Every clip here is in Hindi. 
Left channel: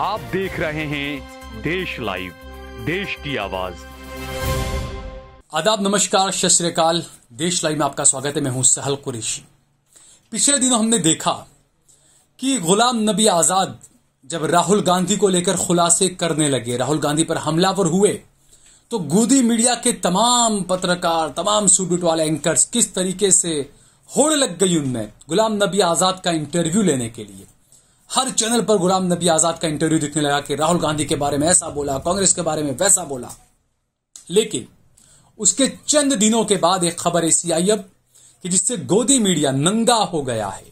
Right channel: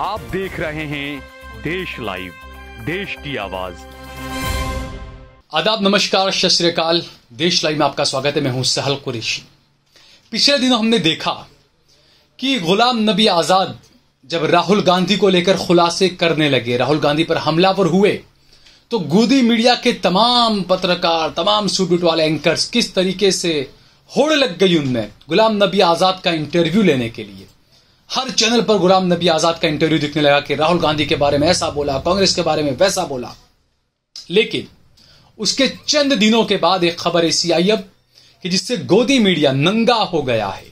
आप देख रहे हैं देश लाइव, देश की आवाज। आदाब, नमस्कार, सत श्री अकाल। देश लाइव में आपका स्वागत है। मैं हूं सहल कुरैशी। पिछले दिनों हमने देखा कि गुलाम नबी आजाद जब राहुल गांधी को लेकर खुलासे करने लगे, राहुल गांधी पर हमलावर हुए, तो गोदी मीडिया के तमाम पत्रकार, तमाम सूट वाले एंकर्स किस तरीके से होड़ लग गई उनमें गुलाम नबी आजाद का इंटरव्यू लेने के लिए। हर चैनल पर गुलाम नबी आजाद का इंटरव्यू दिखने लगा कि राहुल गांधी के बारे में ऐसा बोला, कांग्रेस के बारे में वैसा बोला। लेकिन उसके चंद दिनों के बाद एक खबर ऐसी आई अब कि जिससे गोदी मीडिया नंगा हो गया है।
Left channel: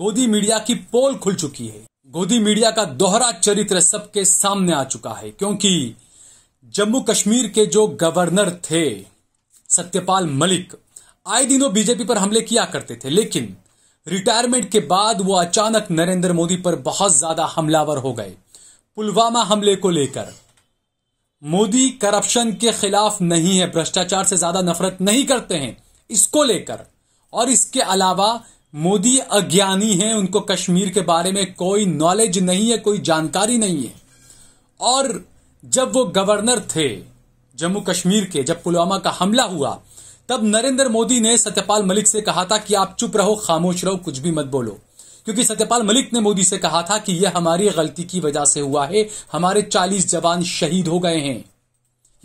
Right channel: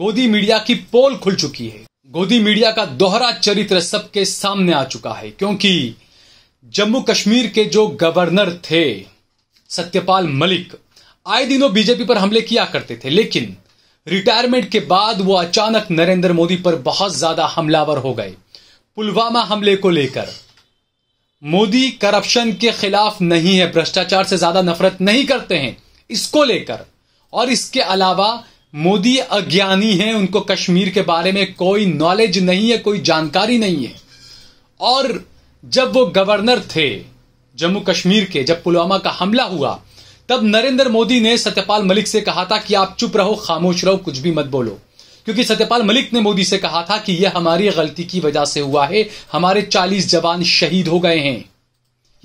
गोदी मीडिया की पोल खुल चुकी है। गोदी मीडिया का दोहरा चरित्र सबके सामने आ चुका है, क्योंकि जम्मू कश्मीर के जो गवर्नर थे सत्यपाल मलिक आए दिनों बीजेपी पर हमले किया करते थे, लेकिन रिटायरमेंट के बाद वो अचानक नरेंद्र मोदी पर बहुत ज्यादा हमलावर हो गए। पुलवामा हमले को लेकर मोदी करप्शन के खिलाफ नहीं है, भ्रष्टाचार से ज्यादा नफरत नहीं करते हैं, इसको लेकर। और इसके अलावा मोदी अज्ञानी हैं, उनको कश्मीर के बारे में कोई नॉलेज नहीं है, कोई जानकारी नहीं है। और जब वो गवर्नर थे जम्मू कश्मीर के, जब पुलवामा का हमला हुआ, तब नरेंद्र मोदी ने सत्यपाल मलिक से कहा था कि आप चुप रहो, खामोश रहो, कुछ भी मत बोलो। क्योंकि सत्यपाल मलिक ने मोदी से कहा था कि यह हमारी गलती की वजह से हुआ है, हमारे 40 जवान शहीद हो गए हैं।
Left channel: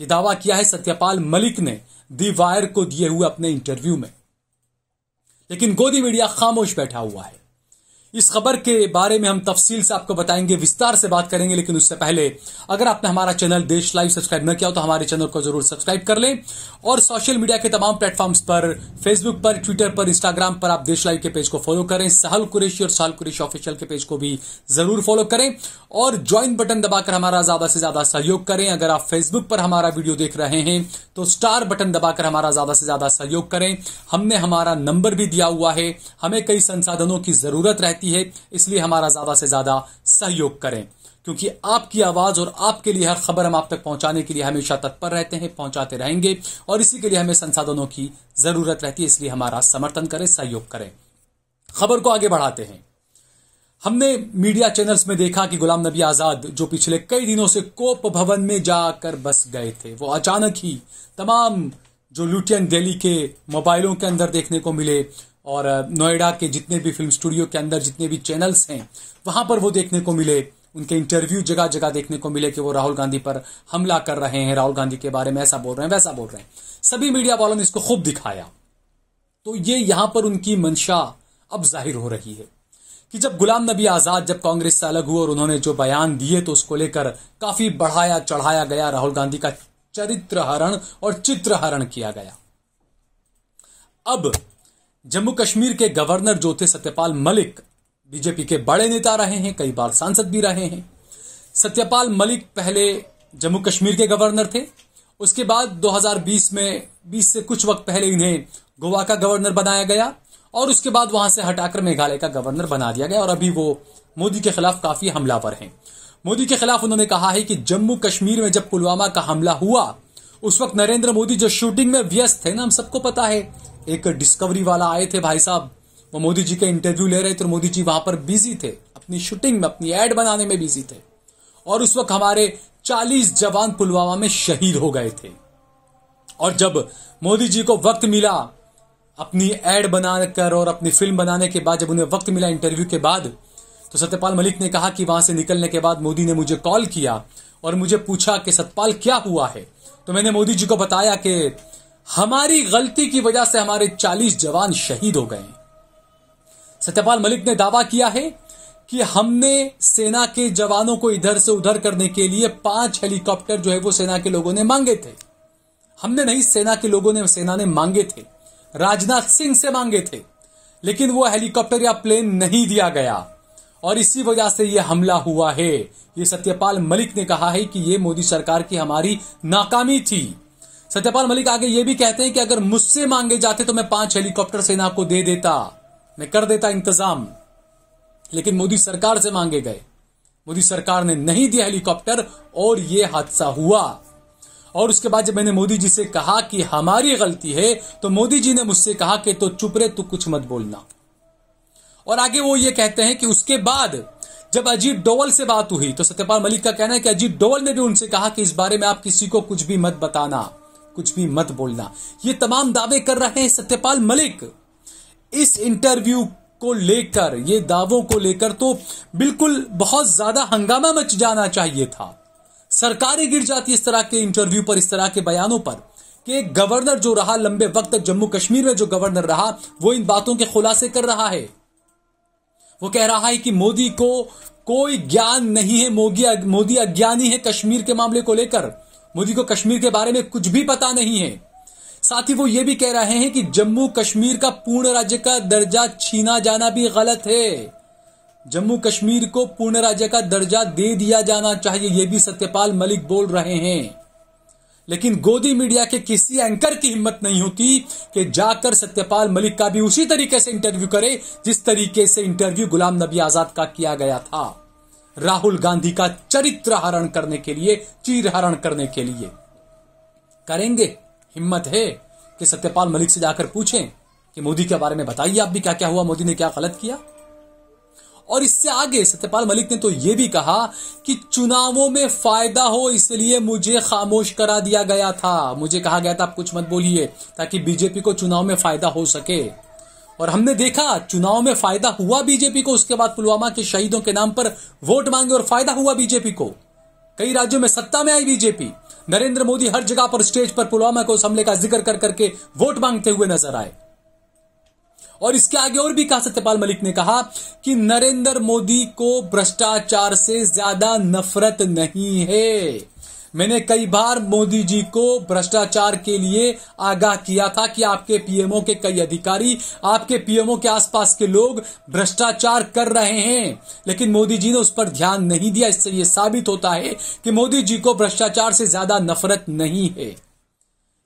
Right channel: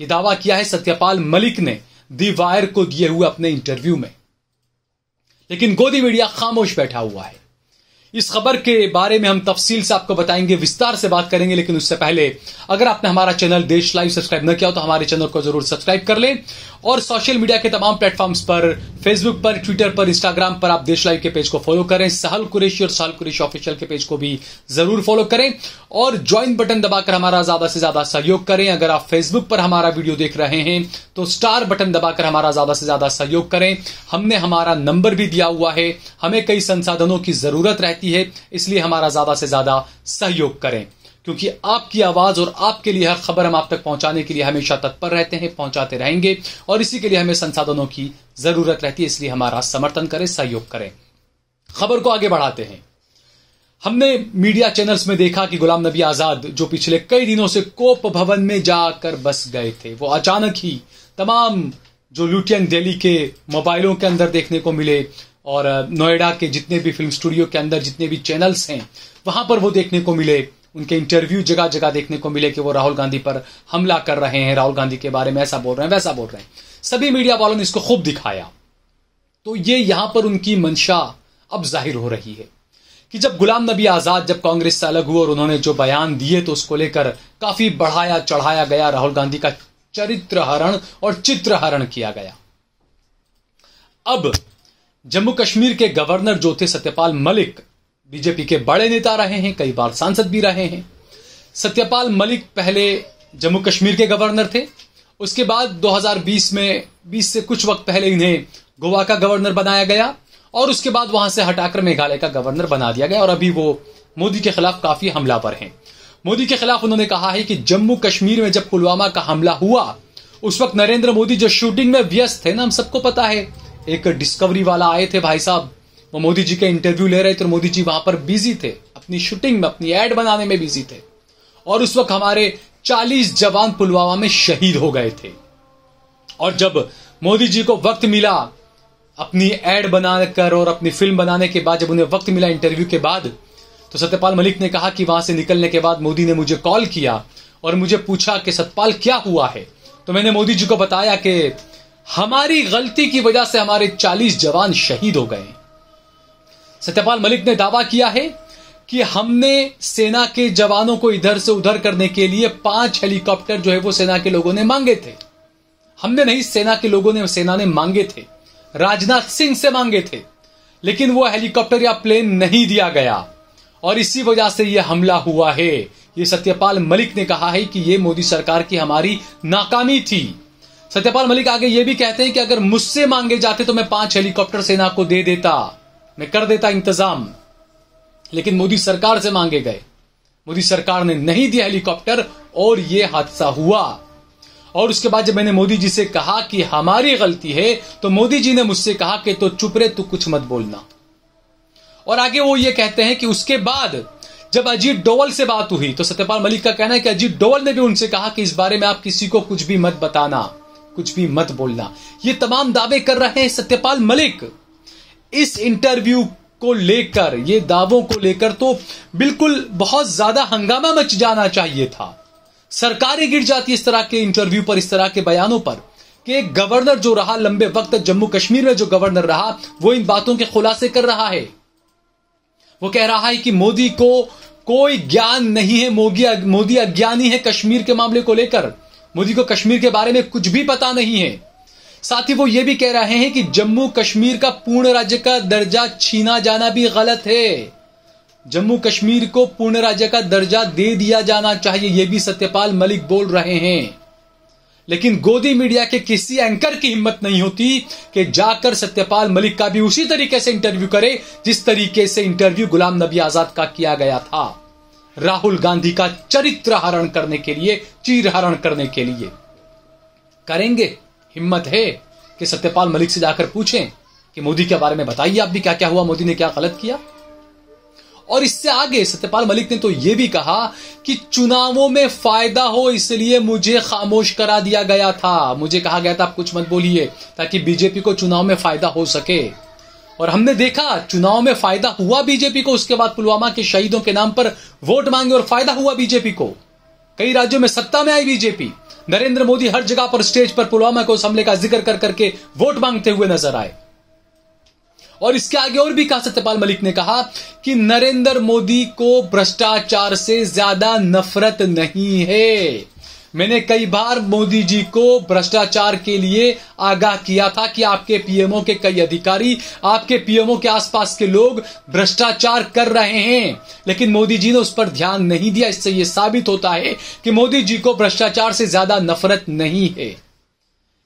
यह दावा किया है सत्यपाल मलिक ने दी वायर को दिए हुए अपने इंटरव्यू में। लेकिन गोदी मीडिया खामोश बैठा हुआ है। इस खबर के बारे में हम तफसील से आपको बताएंगे, विस्तार से बात करेंगे। लेकिन उससे पहले अगर आपने हमारा चैनल देश लाइव सब्सक्राइब न किया हो तो हमारे चैनल को जरूर सब्सक्राइब कर लें। और सोशल मीडिया के तमाम प्लेटफॉर्म्स पर, फेसबुक पर, ट्विटर पर, इंस्टाग्राम पर आप देश लाइव के पेज को फॉलो करें। सहल कुरैशी और सहल कुरैशी ऑफिशियल के पेज को भी जरूर फॉलो करें और ज्वाइन बटन दबाकर हमारा ज्यादा से ज्यादा सहयोग करें। अगर आप फेसबुक पर हमारा वीडियो देख रहे हैं तो स्टार बटन दबाकर हमारा ज्यादा से ज्यादा सहयोग करें। हमने हमारा नंबर भी दिया हुआ है, हमें कई संसाधनों की जरूरत रहती है, इसलिए हमारा ज्यादा से ज्यादा सहयोग करें, क्योंकि आपकी आवाज और आपके लिए हर खबर हम आप तक पहुंचाने के लिए हमेशा तत्पर रहते हैं, पहुंचाते रहेंगे। और इसी के लिए हमें संसाधनों की जरूरत रहती है, इसलिए हमारा समर्थन करें, सहयोग करें। खबर को आगे बढ़ाते हैं। हमने मीडिया चैनल्स में देखा कि गुलाम नबी आजाद जो पिछले कई दिनों से कोप भवन में जाकर बस गए थे, वो अचानक ही तमाम जो लुटियन दिल्ली के मोबाइलों के अंदर देखने को मिले और नोएडा के जितने भी फिल्म स्टूडियो के अंदर जितने भी चैनल्स हैं वहां पर वो देखने को मिले। उनके इंटरव्यू जगह जगह देखने को मिले कि वो राहुल गांधी पर हमला कर रहे हैं, राहुल गांधी के बारे में ऐसा बोल रहे हैं, वैसा बोल रहे हैं। सभी मीडिया वालों ने इसको खूब दिखाया। तो ये यहां पर उनकी मंशा अब जाहिर हो रही है कि जब गुलाम नबी आजाद जब कांग्रेस से अलग हुए और उन्होंने जो बयान दिए तो उसको लेकर काफी बढ़ाया चढ़ाया गया, राहुल गांधी का चरित्र हरण और चित्र हरण किया गया। अब जम्मू कश्मीर के गवर्नर जो थे सत्यपाल मलिक, बीजेपी के बड़े नेता रहे हैं, कई बार सांसद भी रहे हैं। सत्यपाल मलिक पहले जम्मू कश्मीर के गवर्नर थे, उसके बाद 2020 में 20 से कुछ वक्त पहले इन्हें गोवा का गवर्नर बनाया गया और उसके बाद वहां से हटाकर मेघालय का गवर्नर बना दिया गया। और अभी वो मोदी के खिलाफ काफी हमलावर हैं। मोदी के खिलाफ उन्होंने कहा है कि जम्मू कश्मीर में जब पुलवामा का हमला हुआ उस वक्त नरेंद्र मोदी जो शूटिंग में व्यस्त थे ना, हम सबको पता है, एक डिस्कवरी वाला आए थे भाई साहब, वो मोदी जी के इंटरव्यू ले रहे थे, मोदी जी वहां पर बिजी थे, अपनी शूटिंग में, अपनी एड बनाने में बिजी थे। और उस वक्त हमारे 40 जवान पुलवामा में शहीद हो गए थे। और जब मोदी जी को वक्त मिला अपनी एड बनाकर और अपनी फिल्म बनाने के बाद, जब उन्हें वक्त मिला इंटरव्यू के बाद, तो सत्यपाल मलिक ने कहा कि वहां से निकलने के बाद मोदी ने मुझे कॉल किया और मुझे पूछा कि सत्यपाल क्या हुआ है। तो मैंने मोदी जी को बताया कि हमारी गलती की वजह से हमारे 40 जवान शहीद हो गए। सत्यपाल मलिक ने दावा किया है कि हमने सेना के जवानों को इधर से उधर करने के लिए 5 हेलीकॉप्टर जो है वो सेना के लोगों ने मांगे थे। हमने नहीं, सेना ने मांगे थे, राजनाथ सिंह से मांगे थे, लेकिन वो हेलीकॉप्टर या प्लेन नहीं दिया गया और इसी वजह से यह हमला हुआ है। ये सत्यपाल मलिक ने कहा है कि यह मोदी सरकार की हमारी नाकामी थी। सत्यपाल मलिक आगे ये भी कहते हैं कि अगर मुझसे मांगे जाते तो मैं 5 हेलीकॉप्टर सेना को दे देता, मैं कर देता इंतजाम, लेकिन मोदी सरकार से मांगे गए, मोदी सरकार ने नहीं दिया हेलीकॉप्टर और यह हादसा हुआ। और उसके बाद जब मैंने मोदी जी से कहा कि हमारी गलती है तो मोदी जी ने मुझसे कहा कि तो चुप रहे, तू कुछ मत बोलना। और आगे वो ये कहते हैं कि उसके बाद जब अजीत डोवल से बात हुई तो सत्यपाल मलिक का कहना है कि अजीत डोवल ने भी उनसे कहा कि इस बारे में आप किसी को कुछ भी मत बताना, कुछ भी मत बोलना। ये तमाम दावे कर रहे हैं सत्यपाल मलिक। इस इंटरव्यू को लेकर, ये दावों को लेकर तो बिल्कुल बहुत ज्यादा हंगामा मच जाना चाहिए था। सरकार ही गिर जाती इस तरह के इंटरव्यू पर, इस तरह के बयानों पर, कि एक गवर्नर जो रहा लंबे वक्त तक जम्मू कश्मीर में, जो गवर्नर रहा वो इन बातों के खुलासे कर रहा है। वो कह रहा है कि मोदी को कोई ज्ञान नहीं है, मोदी अज्ञानी है कश्मीर के मामले को लेकर, मोदी को कश्मीर के बारे में कुछ भी पता नहीं है। साथ ही वो ये भी कह रहे हैं कि जम्मू कश्मीर का पूर्ण राज्य का दर्जा छीना जाना भी गलत है, जम्मू कश्मीर को पूर्ण राज्य का दर्जा दे दिया जाना चाहिए, ये भी सत्यपाल मलिक बोल रहे हैं। लेकिन गोदी मीडिया के किसी एंकर की हिम्मत नहीं होती कि जाकर सत्यपाल मलिक का भी उसी तरीके से इंटरव्यू करे जिस तरीके से इंटरव्यू गुलाम नबी आजाद का किया गया था, राहुल गांधी का चरित्र हरण करने के लिए, चीर हरण करने के लिए। करेंगे? हिम्मत है कि सत्यपाल मलिक से जाकर पूछें कि मोदी के बारे में बताइए आप भी, क्या क्या हुआ, मोदी ने क्या गलत किया। और इससे आगे सत्यपाल मलिक ने तो यह भी कहा कि चुनावों में फायदा हो इसलिए मुझे खामोश करा दिया गया था, मुझे कहा गया था आप कुछ मत बोलिए ताकि बीजेपी को चुनाव में फायदा हो सके। और हमने देखा चुनाव में फायदा हुआ बीजेपी को। उसके बाद पुलवामा के शहीदों के नाम पर वोट मांगे और फायदा हुआ बीजेपी को। कई राज्यों में सत्ता में आई बीजेपी। नरेंद्र मोदी हर जगह पर स्टेज पर पुलवामा को, उस हमले का जिक्र कर करके वोट मांगते हुए नजर आए। और इसके आगे और भी कहा सत्यपाल मलिक ने कहा कि नरेंद्र मोदी को भ्रष्टाचार से ज्यादा नफरत नहीं है। मैंने कई बार मोदी जी को भ्रष्टाचार के लिए आगाह किया था कि आपके पीएमओ के कई अधिकारी, आपके पीएमओ के आसपास के लोग भ्रष्टाचार कर रहे हैं, लेकिन मोदी जी ने उस पर ध्यान नहीं दिया। इससे यह साबित होता है कि मोदी जी को भ्रष्टाचार से ज्यादा नफरत नहीं है।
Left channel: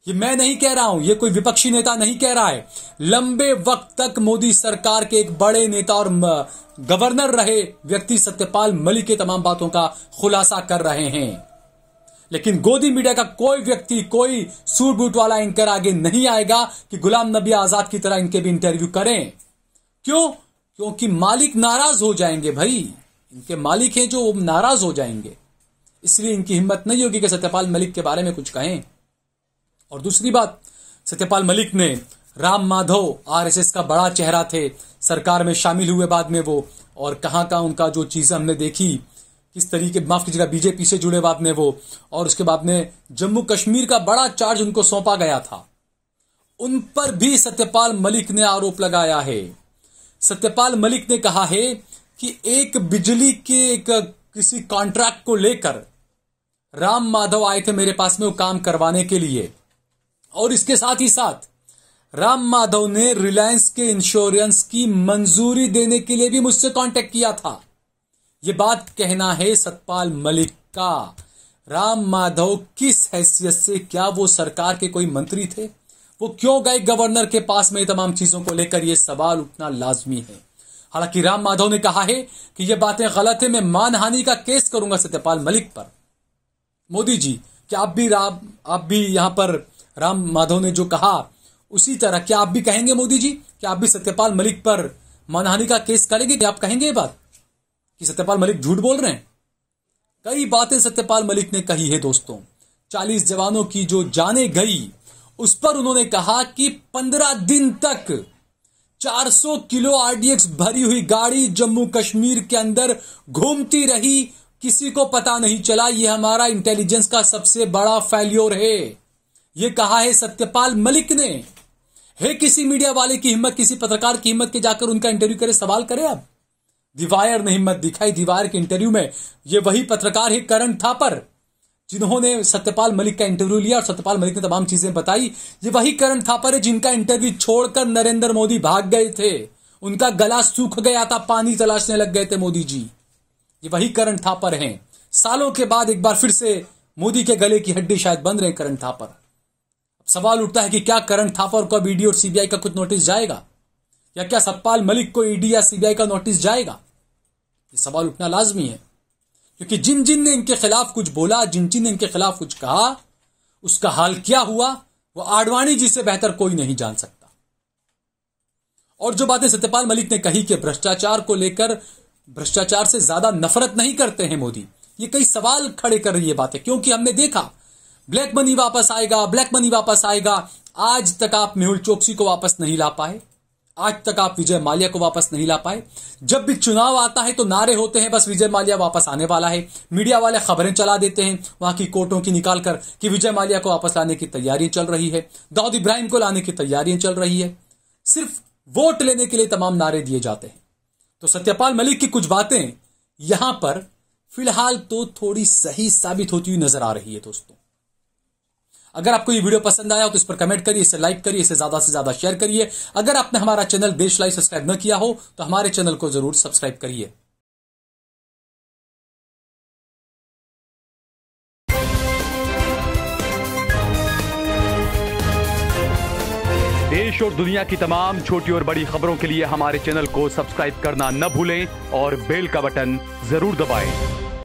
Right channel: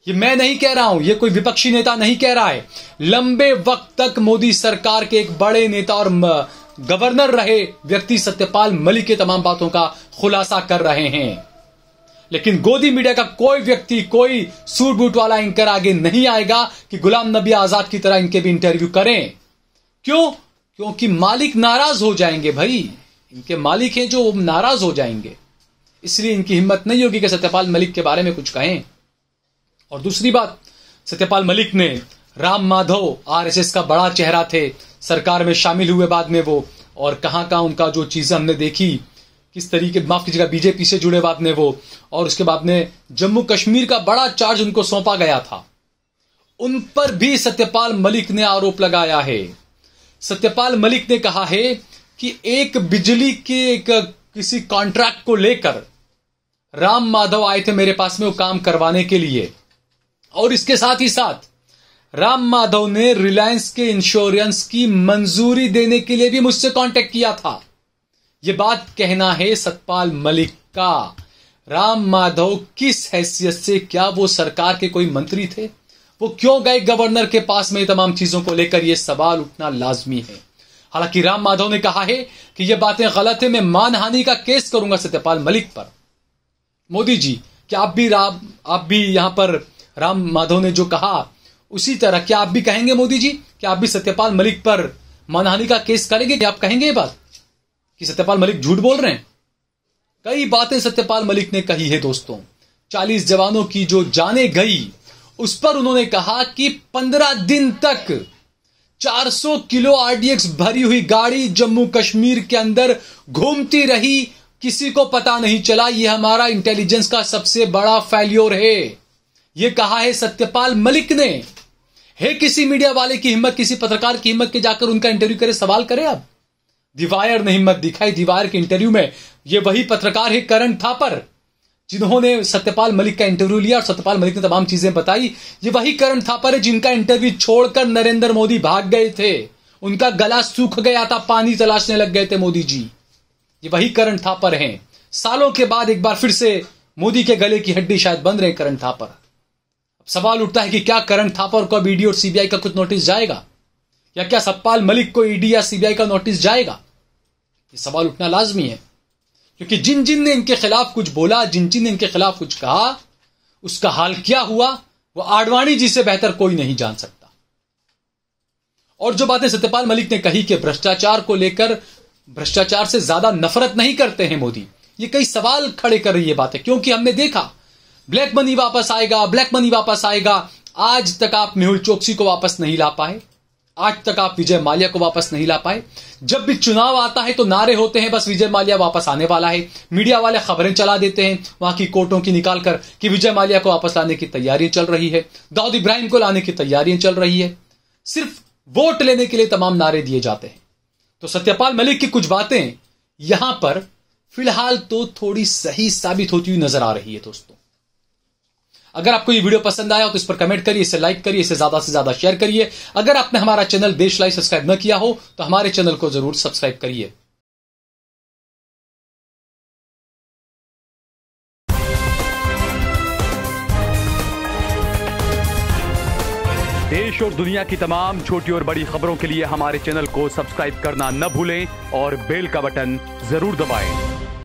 ये मैं नहीं कह रहा हूं, ये कोई विपक्षी नेता नहीं कह रहा है। लंबे वक्त तक मोदी सरकार के एक बड़े नेता और गवर्नर रहे व्यक्ति सत्यपाल मलिक के तमाम बातों का खुलासा कर रहे हैं। लेकिन गोदी मीडिया का कोई व्यक्ति, कोई सूट बूट वाला एंकर आगे नहीं आएगा कि गुलाम नबी आजाद की तरह इनके भी इंटरव्यू करें। क्यों? क्योंकि मालिक नाराज हो जाएंगे भाई, इनके मालिक हैं जो नाराज हो जाएंगे, इसलिए इनकी हिम्मत नहीं होगी कि सत्यपाल मलिक के बारे में कुछ कहें। और दूसरी बात, सत्यपाल मलिक ने राम माधव आरएसएस का बड़ा चेहरा थे, सरकार में शामिल हुए बाद में वो, और कहां कहां उनका जो चीजें हमने देखी, किस तरीके, माफ कीजिएगा, बीजेपी से जुड़े बाद में वो, और उसके बाद में जम्मू कश्मीर का बड़ा चार्ज उनको सौंपा गया था, उन पर भी सत्यपाल मलिक ने आरोप लगाया है। सत्यपाल मलिक ने कहा है कि एक बिजली के किसी कॉन्ट्रैक्ट को लेकर राम माधव आए थे मेरे पास में वो काम करवाने के लिए, और इसके साथ ही साथ राम माधव ने रिलायंस के इंश्योरेंस की मंजूरी देने के लिए भी मुझसे कांटेक्ट किया था। यह बात कहना है सत्यपाल मलिक का। राम माधव किस हैसियत से, क्या वो सरकार के कोई मंत्री थे? वो क्यों गए गवर्नर के पास में? तमाम चीजों को लेकर यह सवाल उठना लाजमी है। हालांकि राम माधव ने कहा है कि यह बातें गलत है, मैं मानहानि का केस करूंगा सत्यपाल मलिक पर। मोदी जी, क्या आप भी यहां पर राम माधव ने जो कहा उसी तरह क्या आप भी कहेंगे? मोदी जी, क्या आप भी सत्यपाल मलिक पर मानहानि का केस करेंगे? क्या आप कहेंगे ये बात कि सत्यपाल मलिक झूठ बोल रहे हैं? कई बातें सत्यपाल मलिक ने कही है दोस्तों। 40 जवानों की जो जाने गई उस पर उन्होंने कहा कि 15 दिन तक 400 किलो आरडीएक्स भरी हुई गाड़ी जम्मू कश्मीर के अंदर घूमती रही, किसी को पता नहीं चला। यह हमारा इंटेलिजेंस का सबसे बड़ा फेल्योर है, यह कहा है सत्यपाल मलिक ने। है किसी मीडिया वाले की हिम्मत, किसी पत्रकार की हिम्मत के जाकर उनका इंटरव्यू करे, सवाल करे? आप दीवायर ने हिम्मत दिखाई। दीवायर के इंटरव्यू में ये वही पत्रकार है करण थापर, जिन्होंने सत्यपाल मलिक का इंटरव्यू लिया और सत्यपाल मलिक ने तमाम चीजें बताई। ये वही करण थापर है जिनका इंटरव्यू छोड़कर नरेंद्र मोदी भाग गए थे। उनका गला सूख गया था, पानी तलाशने लग गए थे मोदी जी। ये वही करण थापर हैं। सालों के बाद एक बार फिर से मोदी के गले की हड्डी शायद बन रहे करण थापर। सवाल उठता है कि क्या करण थापर को अब ईडी और सीबीआई का कुछ नोटिस जाएगा, या क्या सत्यपाल मलिक को ईडी या सीबीआई का नोटिस जाएगा? ये सवाल उठना लाजमी है, क्योंकि जिन जिन ने इनके खिलाफ कुछ बोला, जिन जिन ने इनके खिलाफ कुछ कहा, उसका हाल क्या हुआ वो आडवाणी जी से बेहतर कोई नहीं जान सकता। और जो बातें सत्यपाल मलिक ने कही कि भ्रष्टाचार को लेकर भ्रष्टाचार से ज्यादा नफरत नहीं करते हैं मोदी? ये कई सवाल खड़े कर रही है बातें, क्योंकि हमने देखा ब्लैक मनी वापस आएगा, ब्लैक मनी वापस आएगा। आज तक आप मेहुल चोकसी को वापस नहीं ला पाए, आज तक आप विजय माल्या को वापस नहीं ला पाए। जब भी चुनाव आता है तो नारे होते हैं बस विजय माल्या वापस आने वाला है, मीडिया वाले खबरें चला देते हैं वहां की कोर्टों की निकालकर कि विजय माल्या को वापस लाने की तैयारियां चल रही है, दाऊद इब्राहिम को लाने की तैयारियां चल रही है। सिर्फ वोट लेने के लिए तमाम नारे दिए जाते हैं। तो सत्यपाल मलिक की कुछ बातें यहां पर फिलहाल तो थोड़ी सही साबित होती हुई नजर आ रही है। दोस्तों, अगर आपको ये वीडियो पसंद आया तो इस पर कमेंट करिए, इसे लाइक करिए, इसे ज्यादा से ज्यादा शेयर करिए। अगर आपने हमारा चैनल देश लाइव सब्सक्राइब न किया हो तो हमारे चैनल को जरूर सब्सक्राइब करिए। देश और दुनिया की तमाम छोटी और बड़ी खबरों के लिए हमारे चैनल को सब्सक्राइब करना न भूलें और बेल का बटन जरूर दबाएं।